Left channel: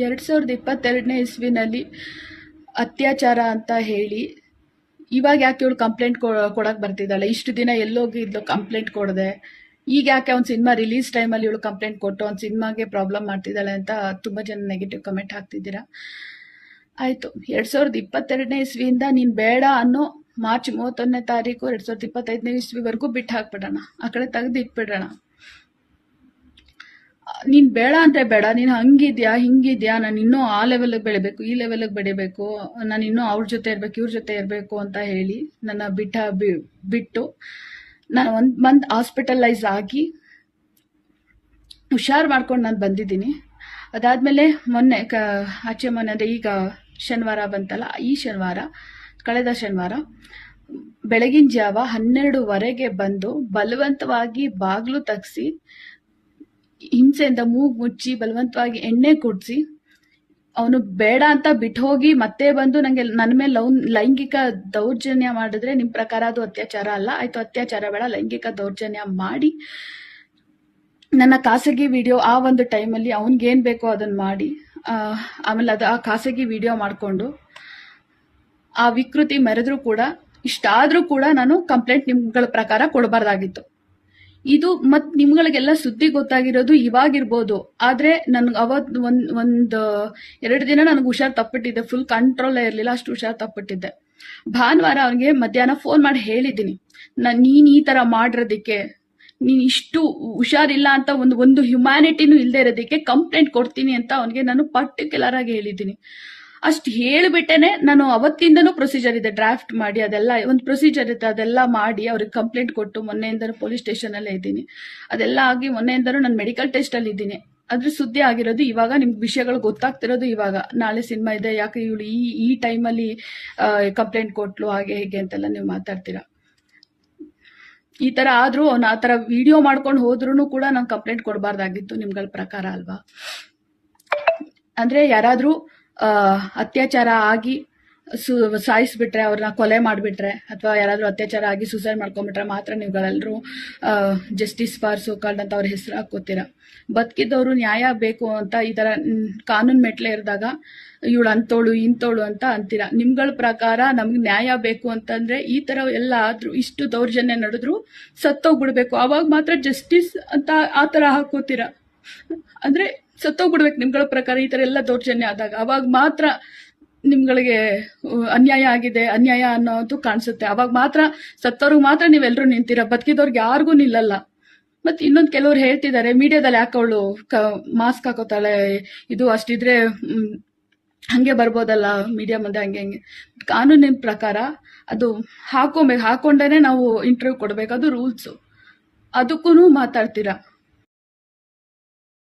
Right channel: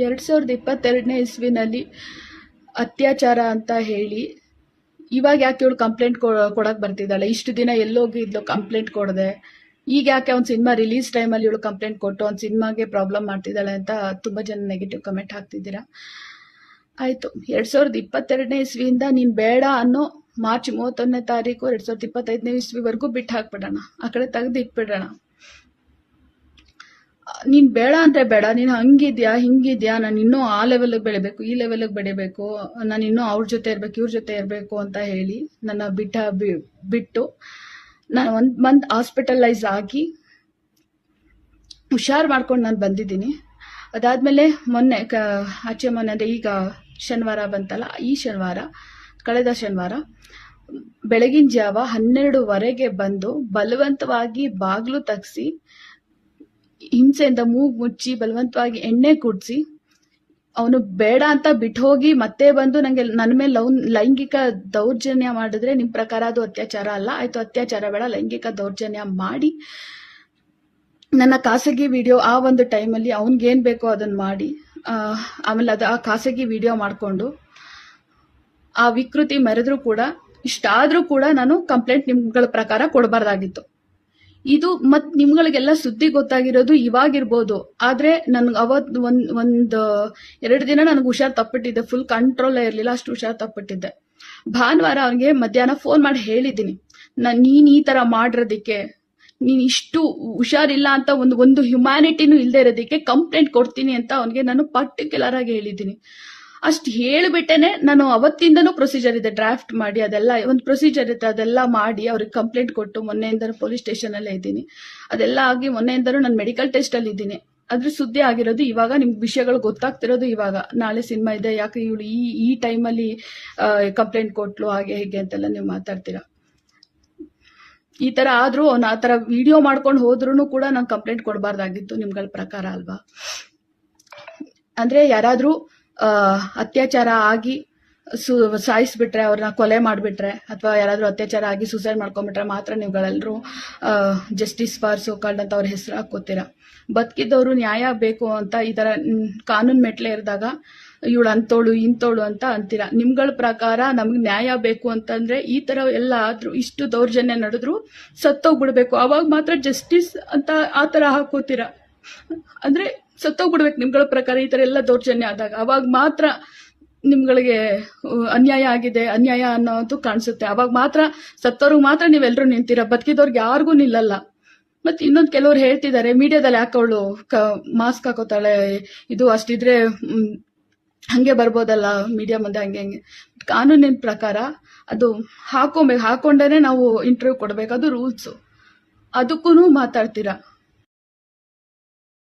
2022ನೇ ಇಸ್ವಿನಲ್ಲಿ ಅತ್ಯಾಚಾರ ಅಂತ ಹೇಳಿ ಇವಾಗ ಯಾಕೆ ಇವಳು ಕಂಪ್ಲೇಂಟ್ ಕೊಡಕ್ ಬರ್ತಿದ್ದಾಳೆ? ಇಷ್ಟು ದಿನ ಎಲ್ಲೋಗಿದ್ಲು ಕಂಪ್ಲೇಂಟ್ ಕೊಡದೆ? ಈಗ ಯಾಕೆ ಒಂದು ಸಿನಿಮಾ ರಿಲೀಸ್ ಟೈಮಲ್ಲಿ ಇವಳು ಕಂಪ್ಲೇಂಟ್ ಕೊಟ್ಟು ಒಂದು ಸಿನಿಮಾಗೆ ಪ್ರಾಬ್ಲಮ್ ಮಾಡ್ತಿದ್ದಾಳೆ ಅಂತ ತುಂಬಾ ಜನ ನೆಗೆಟಿವ್ ಕಮೆಂಟ್ ಹಾಕ್ತಿದ್ದೀರಾ. ಆಯ್ತು, 2022ನೇ ಇಸ್ವಿಯಿಂದ ನೀನ್ ಬೇಡ ಅನ್ನೋ ಮಾರ್ಚ್ 31ನೇ ತಾರೀಕು 2025ನೇ ಇಸ್ವಿವರೆಗೂ ಬಿಟ್ಟು ಹಾಕ್ಬಿಡೋಣ, ಆ ಕಡೆ ತೆಗೆದು ಇಟ್ಬಿಡೋಣ. ನೀನ್ ಬೇಡ ಅಂದ್ರೆ ಬೇಡ, ನೀನ್ ಹಂಗಿದ್ಯಾ ಹಿಂಗಿದ್ಯಾ, ನಾನು ಇನ್ನೂ ಆ ಲೆವೆಲ್ಗೆ ಬೆಳಿಬೇಕು, ಈ ಲೆವೆಲ್ಗೆ ಬೆಳಿಬೇಕು, ನಾನು ಇನ್ನೂ ಅವ್ರ ಜೊತೆ ಇರ್ಬೇಕು, ಇವ್ರ ಜೊತೆ ಇರ್ಬೇಕು ಅಂತ ಹೇಳಿ ನನ್ನ ಬಿಟ್ಟು ನಾನು 1 ಮಂತ್ ಹಾಸ್ಪಿಟಲೈಸ್ ಆಗಿ ಹುಷಾರ್ ಮಾಡ್ಕೊಂಡು ನಾನು ಬಂದಿದ್ದೀನಿ. ಅದಾದ್ಮೇಲೆ ಮೊನ್ನೆ ಆಚೆ ಮೊನ್ನೆ ಅಂದ್ರೆ ಈಗ ಶನಿವಾರ ಬಂತಲ್ಲ, ಈ ಶನಿವಾರ, ಕಳೆದ ಶನಿವಾರ ಬೆಳಗಿನ ಜಾವ 12:15ಗೆ ಬಂದು ಬಲವಂತವಾಗಿ ಬಾಗ್ಲು ತಗ್ಸಿ ಹಿಂಸೆಯಿಂದ ಮೂಗ್ ಮುಚ್ಚಿ ಬಲವಂತವಾಗಿ ಎಣ್ಣೆ ಕುಡ್ಸಿ ಅವನು ಬೇಡ ಅಂತ ಬಿಟ್ಟು ಹೋಗಿ ಮತ್ತೆ ಬಂದು ನಂಗೆ ನನ್ನ ಮೇಲೆ ಲೈಂಗಿಕ ದೌರ್ಜನ್ಯ ಮಾಡಿದ್ರೆ ನಿಮ್ ಪ್ರಕಾರ ಅದು ಅತ್ಯಾಚಾರ ಅಲ್ಲ. ಆಯ್ತು, ಅತ್ಯಾಚಾರ ಬೇಡ, ಲೈಂಗಿಕ ದೌರ್ಜನ್ಯ ಮಾಡಿ ನನ್ನ ಖಾಸಗಿ ವಿಡಿಯೋ ಆ ಒಂದು ಟೈಮಲ್ಲಿ ಅವನ್ಗೇನ್ ಬೇಕೋ ಅದನ್ನ ಮಾಡಿ ಆಮೇಲೆ ಆ ಖಾಸಗಿ ವಿಡಿಯೋ ಮಾಡ್ಕೊಂಡು ಆ ವಿಕೃತಿ ಮೆರೆದ್ರು ಕೂಡ, ಇಷ್ಟಾದ್ರೂ ಕೂಡ ನಾನು ಕಂಪ್ಲೇಂಟ್ ನಿಮ್ಗಳ ಪ್ರಕಾರ ಕೊಡಬಾರ್ದಾಗಿತ್ತು. ಇದು ಮತ್ ನಿಮ್ಗಳಿಗೆಲ್ಲ ಸುದ್ದಿ ಗೊತ್ತಾಗಿರೋದು ಇವಾಗಿರ್ಬೋದು, ಆದ್ರೆ ನನ್ಗೆ ಅವತ್ ಒಂದು 2 ದಿನ ನನಗೆ ಹುಷಾರ್ ತಪ್ಪಿಟ್ಟಿದ್ದೆ, ಫುಲ್ ಕಂಟ್ರೋಲ್ ಇರ್ಲಿಲ್ಲ, ಅಷ್ಟು ಹುಷಾರ್ ತಪ್ಪಿಟ್ಟಿದ್ದೆ. ಭಾನುವಾರ ಅವ್ರಿಗೆ ಮಧ್ಯಾಹ್ನ ಫೋನ್ ಮಾಡಿ ಹೇಳಿದೀನಿ, ನೀನ್ ಈ ತರ ಮಾಡಿರೋದಿಕ್ಕೆ, ನೀನ್ ಇಷ್ಟು ಹುಷಾರಿಲ್ಲ ಅಂತ ಒಂದು ಹ್ಯುಮ್ಯಾನಿಟಿನೂ ಇಲ್ದೇ ಇರೋದಿಕ್ಕೆ ಕಂಪ್ಲೇಂಟ್ ಕೊಡ್ತೀನಿ ಅಂತ ಅವನಿಗೆ ನಾನು ಪರ್ಟಿಕ್ಯುಲರ್ ಆಗಿ ಹೇಳಿದ್ದೀನಿ. ಅಷ್ಟು ಹೇಳಿಬಿಟ್ಟೇನೆ ನಾನು ಅವತ್ತಿಂದನೂ ಪ್ರೊಸೀಜರ್ ಇದೆ, ಡ್ರಾಫ್ಟ್ ಮಾಡಿ ಅದೆಲ್ಲ ಒಂದು ಪ್ರೊಸೀಜರ್ ಇತ್ತು, ಅದೆಲ್ಲ ಮಾಡಿ ಅವ್ರಿಗೆ ಕಂಪ್ಲೇಂಟ್ ಕೊಟ್ಟು ಮೊನ್ನೆಯಿಂದನೂ ಪೊಲೀಸ್ ಸ್ಟೇಷನ್ ಅಲ್ಲೇ ಇದ್ದೀನಿ. ಅದೆಲ್ಲ ಆಗಿ ಮೊನ್ನೆಯಿಂದನೂ ನಾನು ಮೆಡಿಕಲ್ ಟೆಸ್ಟ್ ಅಲ್ಲಿ ಇದ್ದೀನಿ. ಅದ್ರ ಸುದ್ದಿ ಆಗಿರೋದು ಇವಾಗ, ನಿಮ್ಗೆ ವಿಷಯಗಳು ಗೊತ್ತಾಗ್ತಿರೋದು ಇವಾಗ. ನಾಳೆ ಸಿನಿಮಾ ಇದೆ, ಯಾಕೆ ಇವಳು ಈ ಟೈಮಲ್ಲಿ ಕಂಪ್ಲೇಂಟ್ ಕೊಟ್ಲು ಹಾಗೆ ಹೀಗೆ ಅಂತೆಲ್ಲ ನೀವು ಮಾತಾಡ್ತೀರಾ. ಈ ತರ ಆದ್ರೂ ಅವ್ನು ಆ ತರ ವಿಡಿಯೋ ಮಾಡ್ಕೊಂಡು ಹೋದ್ರು ಕೂಡ ನಾನು ಕಂಪ್ಲೇಂಟ್ ಕೊಡಬಾರ್ದಾಗಿತ್ತು ನಿಮ್ಗಳ ಪ್ರಕಾರ ಅಲ್ವಾ? ಅಂದ್ರೆ ಯಾರಾದ್ರೂ ಅತ್ಯಾಚಾರ ಆಗಿ ಸಾಯಿಸ್ಬಿಟ್ರೆ, ಅವ್ರನ್ನ ಕೊಲೆ ಮಾಡ್ಬಿಟ್ರೆ, ಅಥವಾ ಯಾರಾದ್ರೂ ಅತ್ಯಾಚಾರ ಆಗಿ ಸೂಸೈಡ್ ಮಾಡ್ಕೊಂಡ್ಬಿಟ್ರೆ ಮಾತ್ರ ನೀವುಗಳೆಲ್ಲರೂ ಜಸ್ಟಿಸ್ ಫಾರ್ ಸೋಕಾಲ್ಡ್ ಅಂತ ಅವ್ರ ಹೆಸರು ಹಾಕೋತೀರ. ಬದುಕಿದ್ದವರು ನ್ಯಾಯ ಬೇಕು ಅಂತ ಈ ತರ ಕಾನೂನು ಮೆಟ್ಲೆ ಇರಿದಾಗ ಇವಳು ಅಂತೋಳು ಇಂತೋಳು ಅಂತ ಅಂತೀರ. ನಿಮ್ಗಳ ಪ್ರಕಾರ ನಮ್ಗೆ ನ್ಯಾಯ ಬೇಕು ಅಂತಂದ್ರೆ ಈ ತರ ಎಲ್ಲ ಆದ್ರೂ, ಇಷ್ಟು ದೌರ್ಜನ್ಯ ನಡೆದ್ರು ಸತ್ತೋಗ್ಬಿಡ್ಬೇಕು, ಅವಾಗ ಮಾತ್ರ ಜಸ್ಟಿಸ್ ಅಂತ ಆ ತರ ಹಾಕೋತೀರ. ಅಂದ್ರೆ ಸತ್ತೋಗ್ಬಿಡ್ಬೇಕು ನಿಮ್ಗಳ ಪ್ರಕಾರ ಈ ತರ ಎಲ್ಲ ದೌರ್ಜನ್ಯ ಆದಾಗ, ಅವಾಗ ಮಾತ್ರ ನಿಮ್ಗಳಿಗೆ ಅನ್ಯಾಯ ಆಗಿದೆ, ಅನ್ಯಾಯ ಅನ್ನೋದು ಕಾಣಿಸುತ್ತೆ. ಅವಾಗ ಮಾತ್ರ ಸತ್ತವ್ರಿಗೆ ಮಾತ್ರ ನೀವೆಲ್ಲರೂ ನಿಂತೀರ, ಬದುಕಿದವ್ರಿಗೆ ಯಾರಿಗೂ ನಿಲ್ಲಲ್ಲ. ಮತ್ತೆ ಇನ್ನೊಂದು ಕೆಲವ್ರು ಹೇಳ್ತಿದ್ದಾರೆ, ಮೀಡಿಯಾದಲ್ಲಿ ಯಾಕೆ ಅವಳು ಮಾಸ್ಕ್ ಹಾಕೋತಾಳೆ, ಇದು ಅಷ್ಟಿದ್ರೆ ಹಂಗೆ ಬರ್ಬೋದಲ್ಲ ಮೀಡಿಯಾ ಮುಂದೆ, ಹಂಗೆ ಕಾನೂನಿನ ಪ್ರಕಾರ ಅದು ಹಾಕೊಂಡೇನೆ ನಾವು ಇಂಟರ್ವ್ಯೂ ಕೊಡ್ಬೇಕು, ಅದು ರೂಲ್ಸ್. ಅದಕ್ಕೂ ಮಾತಾಡ್ತೀರಾ.